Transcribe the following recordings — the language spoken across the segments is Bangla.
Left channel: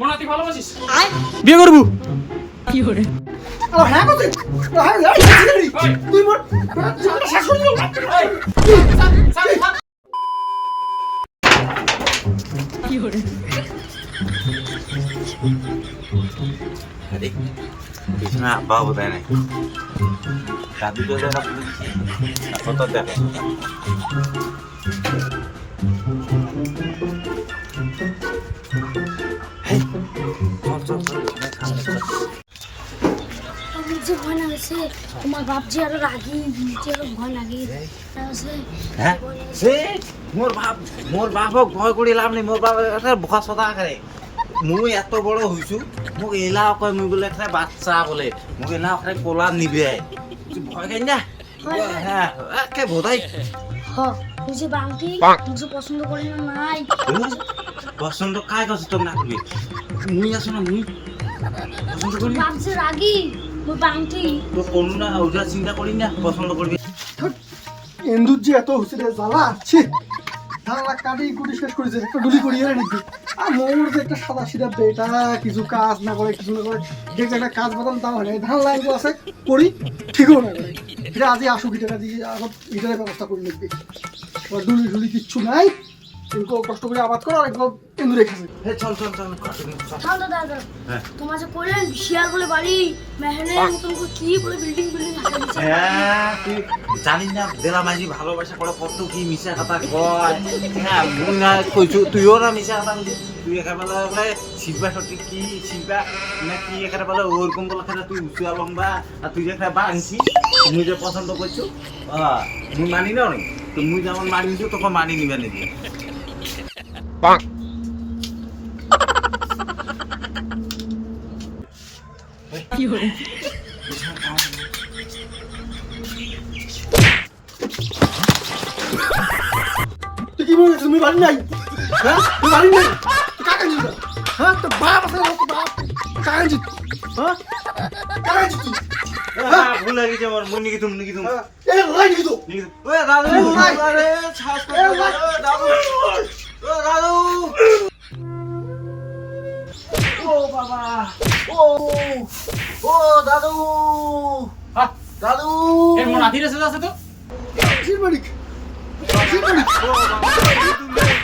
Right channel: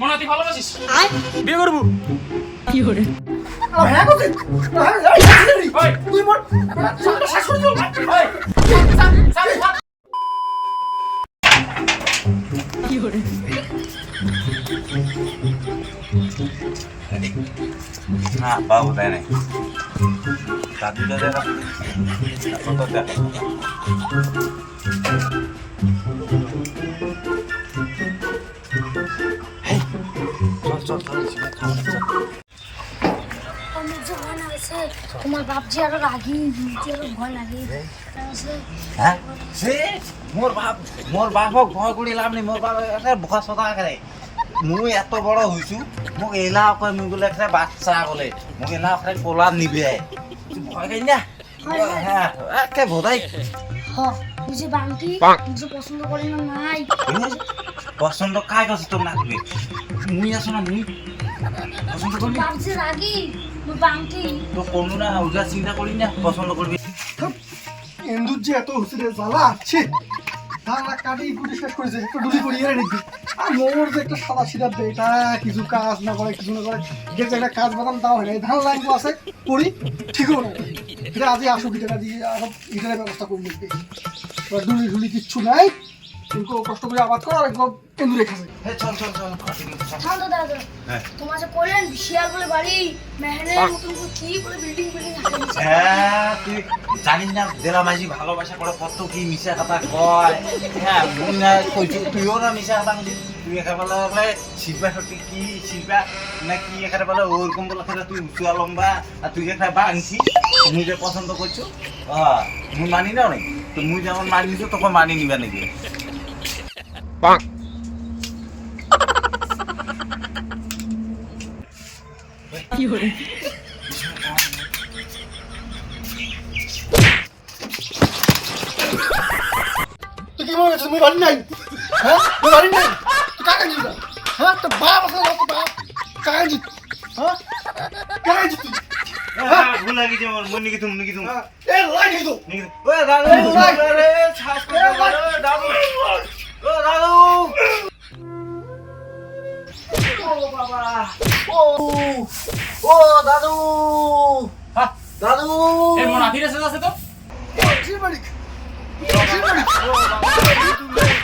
মনে তুই ভালোবাসিস? বিয়ে করবো। কি করে তুই মোর শাশুড়ি কি করে না বাবু তাই নাই দাদু তো দেখা কত দেখা চল চল চল খাবার চল তোমার বাপ যে আরো রাগি যে আরো ভয় লাগে হ্যাঁ সে মোর বাপক ভয় কৰি লাভ নাই মোর বাপ এটা বোকা চতা কৰে মুই এত বড় হইছু মোক এলা কয় মুই বলে একটা বাচ্চা বলে মোক এলা একটা কোলা নিবে তুই ভয় খাই না হ্যাঁ একে বোধাই তুই যে বাংটি তুই পছন্দ করি না নাই পছন্দ কাই করছিস তোর না করবি মুই আছো না মুই পছন্দ করবি বাপ যে রাগি ওই বাংটি তো কোনো না ওটা চিন্তা করি না পছন্দ করবি এন্দুর যে এত হচ্ছে রে জ্বালা ছি ধারা কাটি কুটি শেষ করেছে একটা ডুলি করিয়ে নাকি আর মোর যে একটা সাদা সিধা বেটা কিছু কাজ না করে কিছু না করে দেখতে একটা কাজ বাদাম তাও হয় না ধান লাইন আছে করি ঠিকও না করে এটা আজই আসুক এটা দিয়ে সব এটার ব্যবস্থা করে লিখবে এবার ডুলি ডুলি কিচ্ছু নাই কিন্তু কষ্ট করে আবাদ করো আর একদম এন্দুরে খাবে হে চল চল চল শান্ত দাদা তোমার যে কইলেন শিয়াল বলে বাড়ি মেহনের মতন করে কি বলে বিল্ডিং বিল্ডিং হাঁটাচ্ছে হ্যাঁ তুই জানিস না দেলা মাঝি ভালোবাসা করে কত কি মিশা কথা কয় হ্যাঁ মুই না কইছি তুইও না মিশা কথা কইছিস তুই একেবারে বলে শিল্পা সত্যি কি শিল্পা না কি এখানে বলে ওরকম বলে খেলে তুই উঁচুয়া লম্বা আর তুই এখানে বাংছি মুই যে পছন্দ করছো মুই মানি নাও নি তো মুই যেমন মানি তো তখন মানি নিবা নাকি কি করে তুই কি মনে করছিস তুমি বাড়ি নাই হ্যাঁ তুই বাড়ি নাই তুই কাকা নিস হ্যাঁ তোর বাপ আছে না তোর বাপ কাকা নিস হ্যাঁ কাকা নিস তুই ভুলে গেছি আমার মন নিকি তুমি নিকি তুমি এ লাই নিস তো ওই দাদু আরে ছাস দাদু ও দাদু ও বাবা ও ও দাদু হ্যাঁ দাদু এর মনে আধি রেসে আছে তো শিরবাড়ি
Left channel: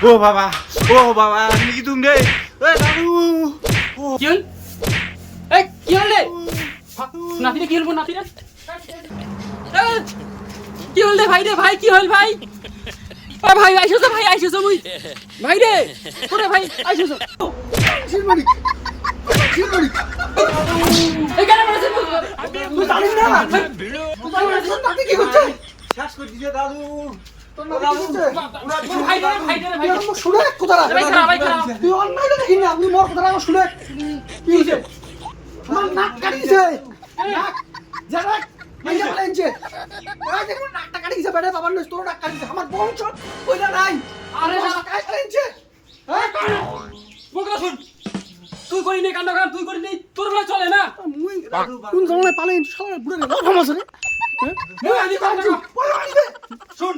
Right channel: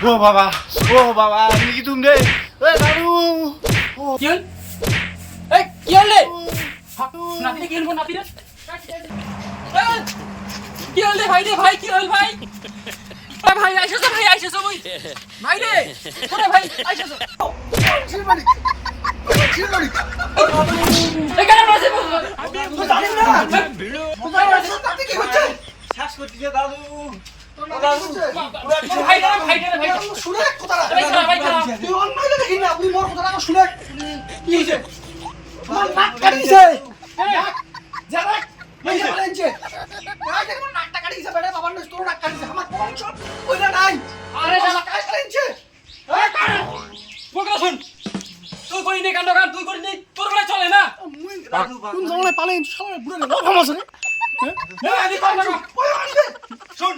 ও বাবা নিকি তুমি রে ওই দাদু কি হল এই কি হল রে নাতিরে কি হল নাতিরে কি হল রে ভাই কি হল ভাই এ ভাই আইসো মুই ভাই রে কোরে ভাই আইসো শিরবাড়ি শিরবাড়ি এই গানা মারছে তুই জানিস না তুই জানিস না কি হচ্ছে শ্বাস করতেছে দাদু ও দাদু ভাই শুনে কোথায় ভাই খারাপ তুই অন্যায় দেখি না আপনি মোর কথা শুনে কি হচ্ছে আমার নাক কাটিছে যারা মেয়ে বলেনছে আজ এখন নাকটা কাটিছে বেটা বাবার নষ্ট নাক কাটিছে আমার বংশ কইরা নাই আরে শালা কাই বলেনছে বল শুন তুই করি নে কাণ্ড গান তুই করি নে তোর গলা চলে না মুই কোন জঙ্গলে পালেন শালা বুড়ে না ভালো আছে রে এই আমি কোন না শুন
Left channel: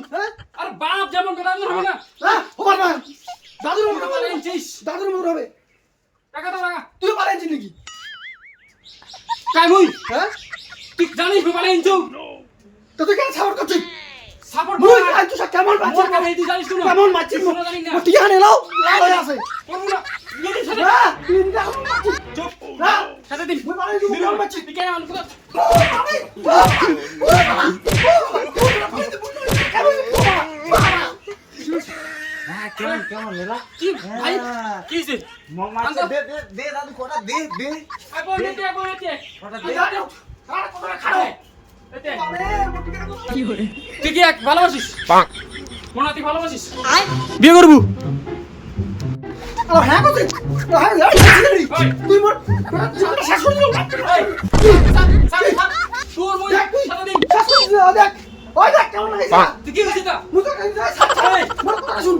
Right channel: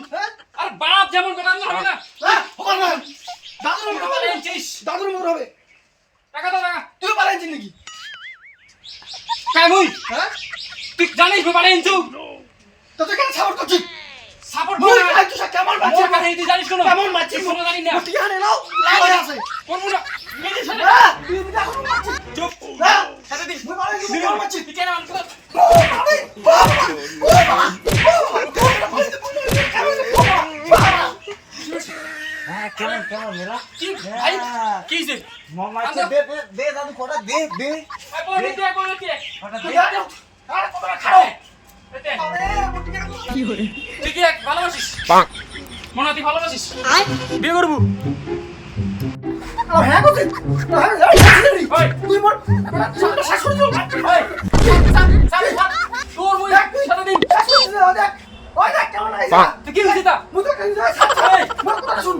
আর বাপ যেমন কথা আমি হবে না হ্যাঁ হবে না দাদুর মনে হবে পালেনছিস দাদুর মনে হবে টাকা তো টাকা তুই পালেনছিস নাকি কাই মুই হ্যাঁ তুই জানিস আমি পালেনছু তো তুই কেন সাপোর্ট করছিস সাপোর্ট মুই আই তুই কেমন মোর বাচ্চা কথা তুই জানিস কোন কেমন বাচ্চা কোনো জানি না ঠিক আছে নাও লাই আছে কোন না নিজে সাথে না তুই এখন চুপ না সাথে দিন মুই পালেন তুই কেমন বাচ্চা তুই কেন মানুষ হ্যাঁ কেমন কেমন মেলা কি ভাই কি হইছে মামা দে দে দে দাদু কোটা দে দে কোন এতে কোটা দে আরে কোন খাড়ো এতে কি করে তুই কি এক ভালোবাসিস মনে তুই ভালোবাসিস বিয়ে করবো হ্যাঁ করতে তুই মোর শাশুড়ি তোর মই সাথে দিন দেখ ওই দেখ কেমন হয়েছে তুই কি হইছে তা মুই তো কাই যাই মোর কথা শুন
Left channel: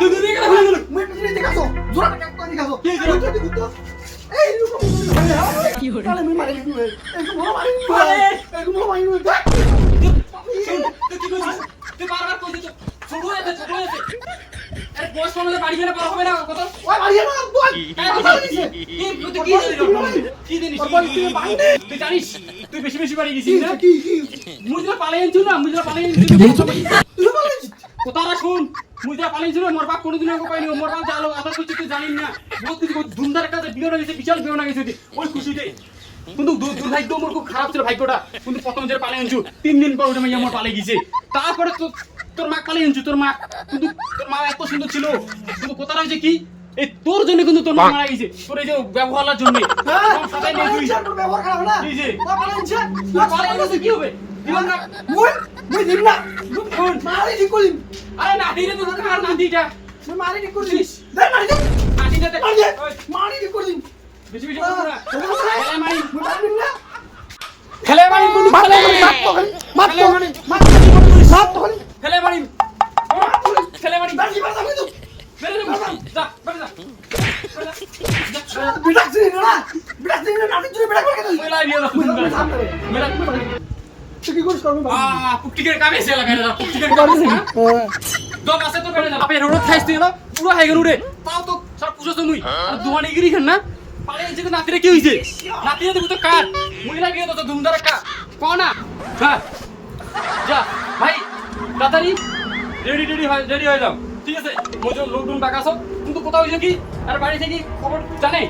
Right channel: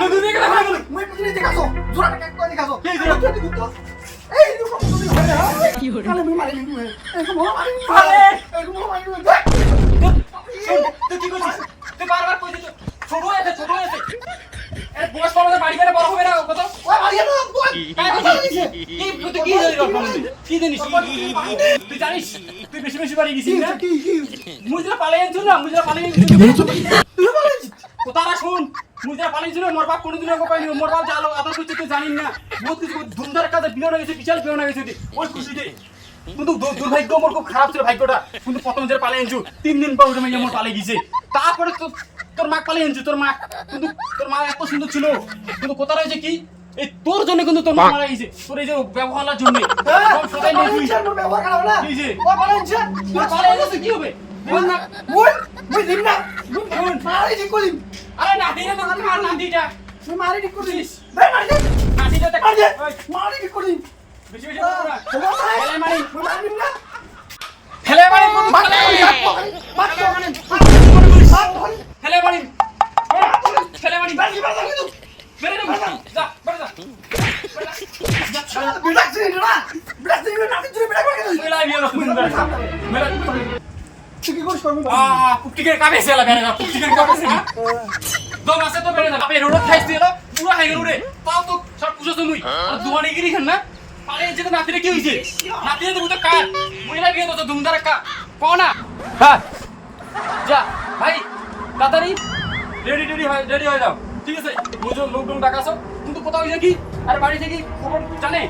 তুই দুই গেলা হয়ে গেল মুই পিছনে দেখাছো জোড়া কাক করে দেখাছো কি হইছে এই রকম কি করে আরে মুই মারি দিবে এরকম মারি আরে এরকম মারি দেখ তুই কি কইছিস তুই বারবার কইছিস ছোট হয়েছে বয়স কম হলে বাড়ি গেলে বড় হবে না কত ওই মারিয়ে না তুই কি জিনিস তুই জানিস তুই বেশি বেশি বাড়ি গেছিস না কি কি মুজরা পালিয়েছিল না মুজরা পালিয়েছিল কোথারা শুন মুজরা পালিয়েছিল মোর বাপ কোনোদিন আগে পাইনি মোর বাপ জানো আবার কিছু তুই জানিস না বহুত কিছু ধুমধার কাজে বিয়ে হয়ে গেছে বিশাল বিয়ে হয়ে গেছে ওই খুশিতে কিন্তু দুর্ভাগ্য আমার খুব খারাপ ছিল ভাগ্যটা কিন্তু প্রথম যে পালিয়ে আনছু 3 দিন পর ওটা মাইয়া মোর পালিয়ে গেছে তারপরে তোর মা পালিয়ে আনছু তোর মা কিন্তু তোর মা এত সুন্দর ছিল কিন্তু কোথারা হয়েছে কি এই তোর জন্য কিন্তু তোর মা মারা গেছে তোর এই যে ব্যবহারের জন্য সবাই নেই তুই তোর ব্যবহার খারাপ না এই যে ওই মারিয়ে তুই পালিয়ে গেছে কি হবে মুই দিন না মারি দি কলিম আরে না দিনে তো কার না দিটা তুই মারি দি কলিম দে মারি দি না দিটা দেখ মারি দি কলিম বেশি বেশি করে না মারি না খেলে মারি খেলে মারি খেলে মারি খেলে মারি বাকি বাকি তুই বেরে যা বেরে যা বিড়াচ্ছি না বিড়াচ্ছি না নাটি জুড়ে বিড়া করে দিই মেলা বিয়ে না সুন্দর মেলা তুই কি করিস করবি পুটিকের কাবে সেলা বেরে যা পুটিকের কাবে সেলা দম আছে তো বেরে যা বাপে রোড খাইছ তুই না পুরো হয়ে গেল রে তাও তো সব পুজো তুমি দুয়ানি গিরি খান না পালে যেতে নাতিরে কি হইছে নাতিরে তো তো কার মহিলা বিয়ে তো ধুমধার কা কোনা হ্যাঁ যা ভাই তাড়াতাড়ি রেডি হয়ে যাও ঠিক আছে মুজো লোকডাউন ডাকাছো কিন্তু কোথাও হইছে কি আর বাড়ি থেকে খবর জানে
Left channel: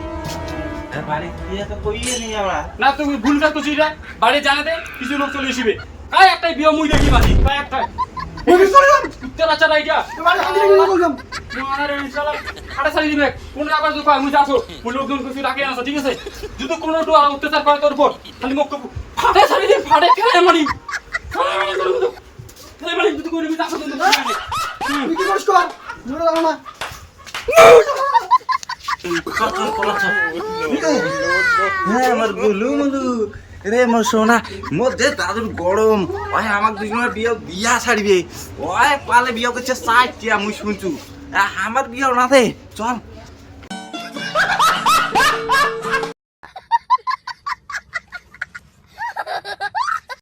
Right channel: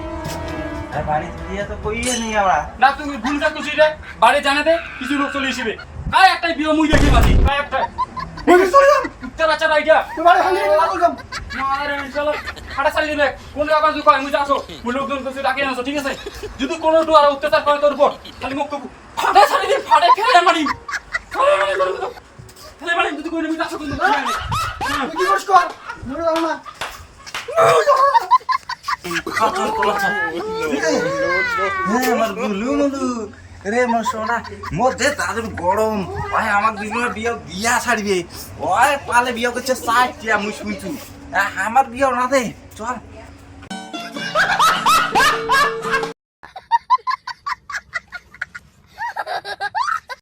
আরে বাড়ি দিয়ে তো কইয়ে নেই আমরা না তুমি ভুল কাজ করছিস রে বাড়ি জানাতে কিছু লোক চলে আসবে কাই একটাই বিয়ে মুই দেখি বাজি কাই একটাই মুই চলে যাম ইত্তার আচ্ছা আইডিয়া তোমার হাতে গেলা বললাম মানারে ইনশাআল্লাহ হাঁটা ছাড়ি দিবে কোন আবার যদি কয় মুই যাবো মুই লোকজন কিছু ডাকে আনছো ঠিক আছে যদি কোনো একটু আর অত্যাচার করে তোর উপর খালি মুখ ফাটে ছাড়ি দিই ফাটে ফেলে মারি ফেলে মারি যদি কইলে মুই যাবো কিন্তু তুই কি করিস কর মুই যাব না আমার গুলু মুলু রে মোর সোনা মোর যে দাদুর গরম ওই আমার দুজনের বিয়া ছাড়িবে ওই পালে বিয়া করছে 60 টিয়া মুই শুনছু আমার বিয়াও না দে চল